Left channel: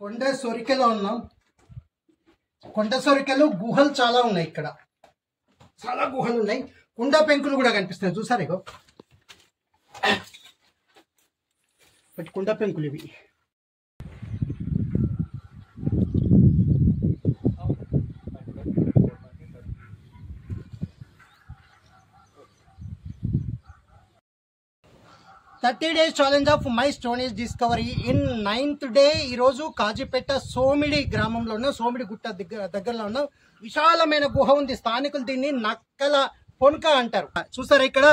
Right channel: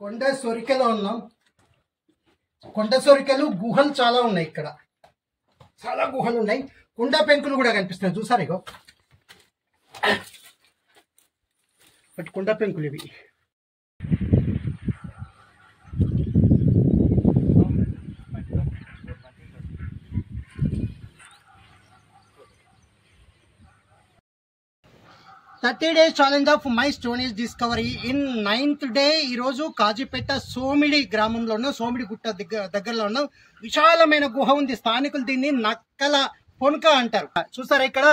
కొండ సొరికలో ఉన్నాం. కొండ సొరికలు గుహలు చాలా ఉన్నాయి, ఇక్కడ చాలా గుహలు ఉన్నాయి. కుండ పెంకులు కూడా కనిపిస్తాయి, చూసారు ఇగో బట్ కుండ పెంకులు ఇవి. Thirty days challenge of my stone age discovery in 9th day. ఈరోజు కాజీపేట సోమిడి గ్రామంలో ఉన్న సోమిడి గుట్ట దగ్గరలో ఉన్న విశాలమైన గుహ ఉంది. స్థానికులు దీన్ని నక్కల పొనక అంటారు. చూసారా ఇక్కడ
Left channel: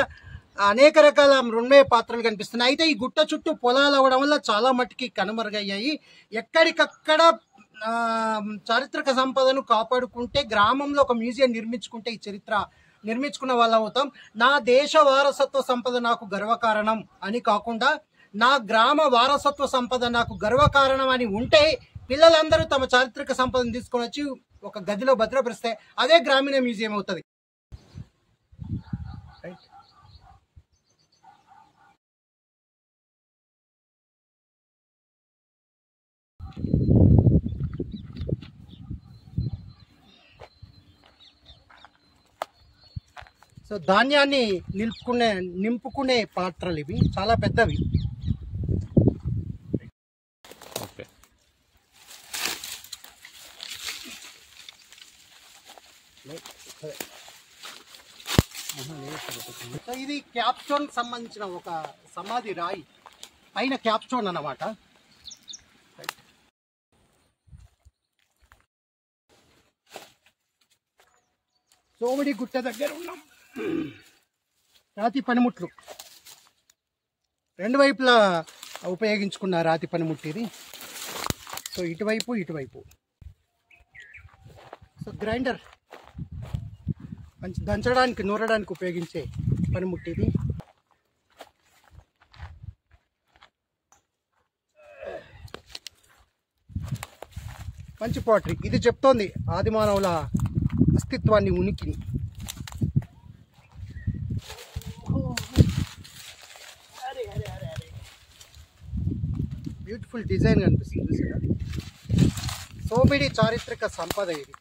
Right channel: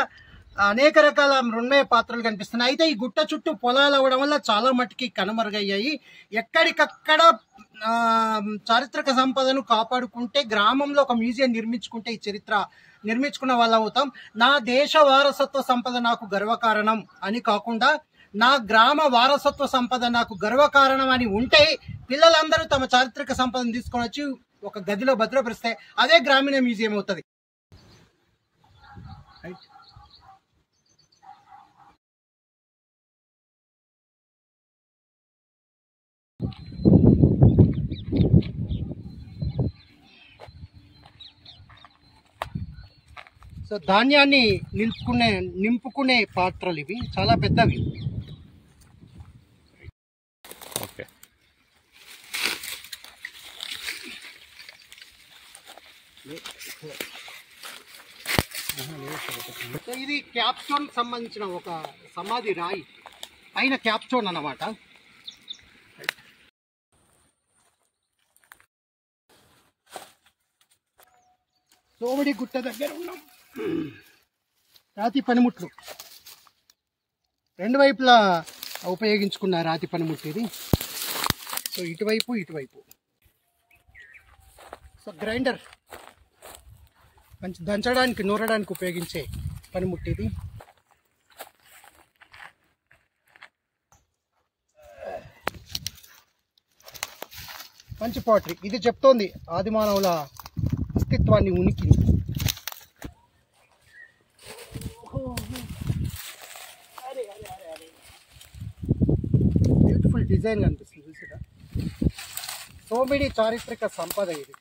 అనేక రకాల మృణ్మయ పాత్రలు కనిపిస్తున్నాయి. అయితే ఈ గుట్ట చుట్టూ పొలాలు అవ్వడం వల్ల చాలా మట్టుకి కనుమరుగయ్యాయి. ఎక్కడికక్కడ చారిత్రక సంపదను కాపాడుకుంటే, గ్రామంలో ఒక మ్యూజియం నిర్మించుకుంటే ఈ చరిత్ర నిర్మించుకున్న వాళ్ళు అవుతాం. నా దేశ వారసత్వ సంపద నాకు గర్వకారణం అని కాకుండా, నా గ్రామ వారసత్వ సంపద నాకు గర్వకారణం అని ఉంటే పిల్లలందరూ తమ చారిత్రక సంపదను తీసుకొని వచ్చి ఒక గదిలో భద్రపరిస్తే అదే గ్రామీణ మ్యూజియం అవుతుంది. సో ధాన్యాన్ని నింపుకునే పాత్రలు ఇవి, చాలా పెద్దవి. ఓకే, ఇది క్యాప్స్టోన్ సంబంధించిన ఒక సమాధి రాయి, పైన క్యాప్స్టోన్ అన్నమాట. సోమిడి గుట్ట దగ్గర ఉన్నాం. రాతి పనిముట్లు రెండు వైపులా ఉపయోగించుకున్న రాతి పనిముట్లు ఇది. సో ఇటువైపు సో గ్రైండర్, మంచి దంచడానికి నూరడానికి ఉపయోగించే పనిముట్టు ఇది. మంచి పాటరీ. ఇది చెప్తోంది ఆది మానవుల అస్తిత్వాన్ని, ఉనికిని. బ్యూటిఫుల్ డిజైన్ కనిపిస్తుంది. సోమిడి చారిత్రక సంపద ఇది.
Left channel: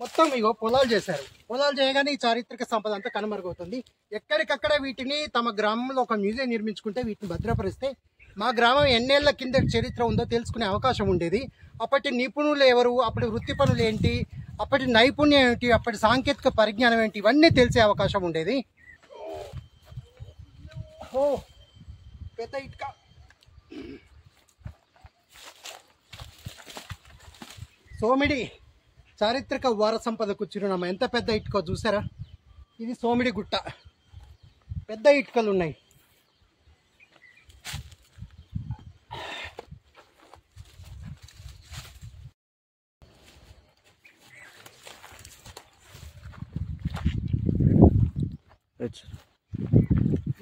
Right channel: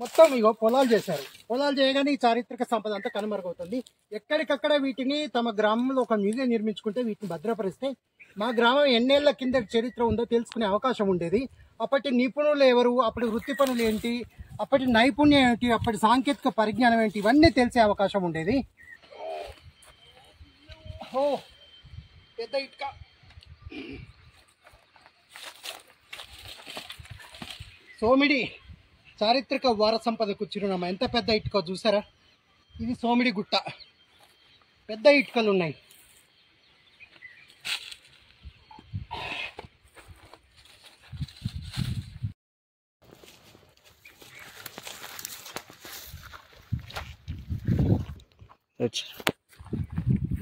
మొత్తం ఇగో పొలాలు చేశారు. పొలాలు చేయగానే ఈ చారిత్రక సంపద అంతా కనుమరుగవుతుంది. ఎక్కడికక్కడ వీటిని తమ గ్రామంలో ఒక మ్యూజియం నిర్మించుకుంటే, వీటిని భద్రపరిస్తే మా గ్రామం ఎన్నేళ్ల కింద చరిత్ర ఉందో తెలుసుకునే అవకాశం ఉండేది. అప్పటి నిపుణులు ఎవరు, అప్పటి వృత్తి పనులు ఏంటి, అప్పటి నైపుణ్యం ఏంటి, అప్పటి సాంకేతిక పరిజ్ఞానం ఏంటి, ఇవన్నీ తెలిసే అవకాశం ఉండేది. ఓ పెద్ద ఇటుక. సోమిడి చారిత్రక వార సంపదకు చిరునామా. ఎంత పెద్ద ఇటుక చూసారా? ఇది సోమిడి గుట్ట. పెద్ద ఇటుకలు ఉన్నాయి.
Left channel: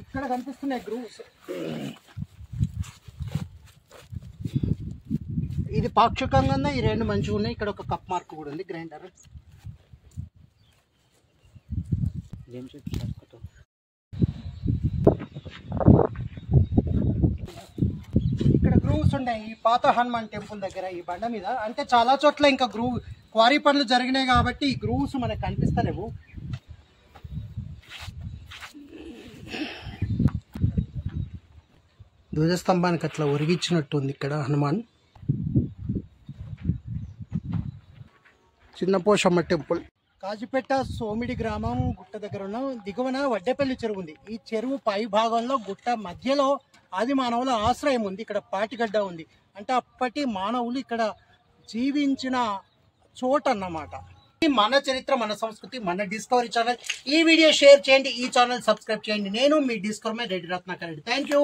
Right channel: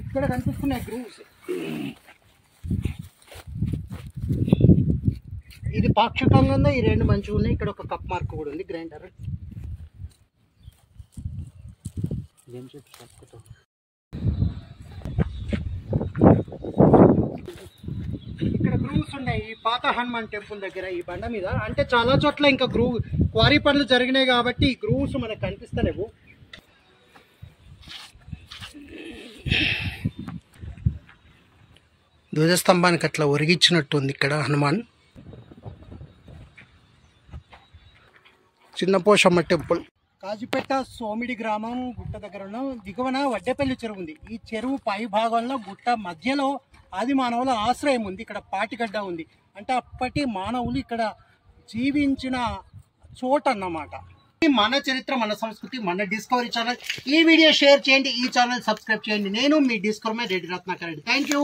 ఇక్కడ కనిపిస్తున్నాయి గ్రూవ్స్. ఇది పాక్షికంగా ఉంది, ఈ రెండు మంచిగా ఉన్నాయి. ఇక్కడ ఒక కప్ మార్క్ కూడా ఉంది. గ్రైండర్ ఇక్కడ గ్రూవ్స్ ఉన్నాయి. ఈ పాత హనుమాన్ టెంపుల్ దగ్గర ఈ బండ మీద. అంటే చాలా చోట్ల ఇంకా క్వారీ పనులు జరిగినాయి కాబట్టి ఈ గ్రూవ్స్ మనకు కనిపిస్తలేవు. ధ్వజస్తంభానికి అట్లా ఒరిగించినట్టు ఉంది ఇక్కడ హనుమాన్. చిన్నపోషమ్మ టెంపుల్. కాజీపేట సోమిడి గ్రామం గుట్ట దగ్గర ఉన్న దిగువన వడ్డేపల్లి చెరువు ఉంది. ఈ చెరువు పై భాగంలో గుట్ట మధ్యలో ఆది మానవుల ఆశ్రయం ఉంది. ఇక్కడ పాటిగడ్డ ఉంది. అంటే అప్పటి మానవులు ఇక్కడ జీవించిన చోట అన్నమాట. మన చరిత్ర, మన సంస్కృతి, మన డిస్కవరీ ఛానల్. ఈ వీడియో షేర్ చేయండి, ఈ ఛానల్ సబ్స్క్రైబ్ చేయండి. నేను మీ discovery Reddy Ratnakar Reddy. Thank you.